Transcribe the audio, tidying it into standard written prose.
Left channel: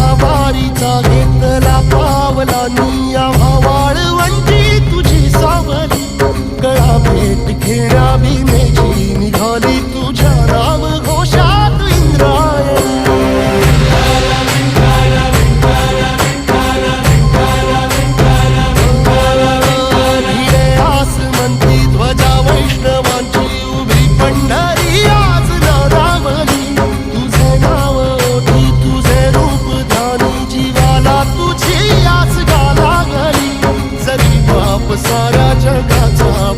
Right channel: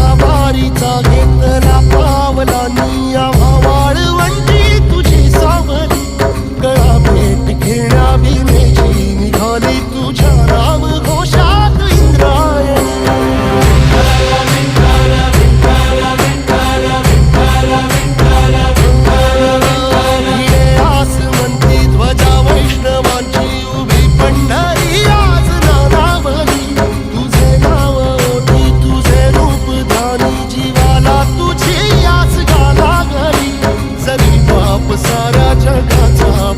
असा वारीचा घेतला पावलांनी आम्हा वाळवंटी तुझी सावली गळा भेट घेण्या भीमेची निघाली तुझ्या नाम घोषात इंद्रायणी भिडे आसमंती ध्वजा वैष्णवांची उभी पंढरी आज नादावली तुझे नाव ओठी तुझे रूप ध्यानी जीवाला तुझी आस गा लागली जरी बाप साऱ्या जगाचा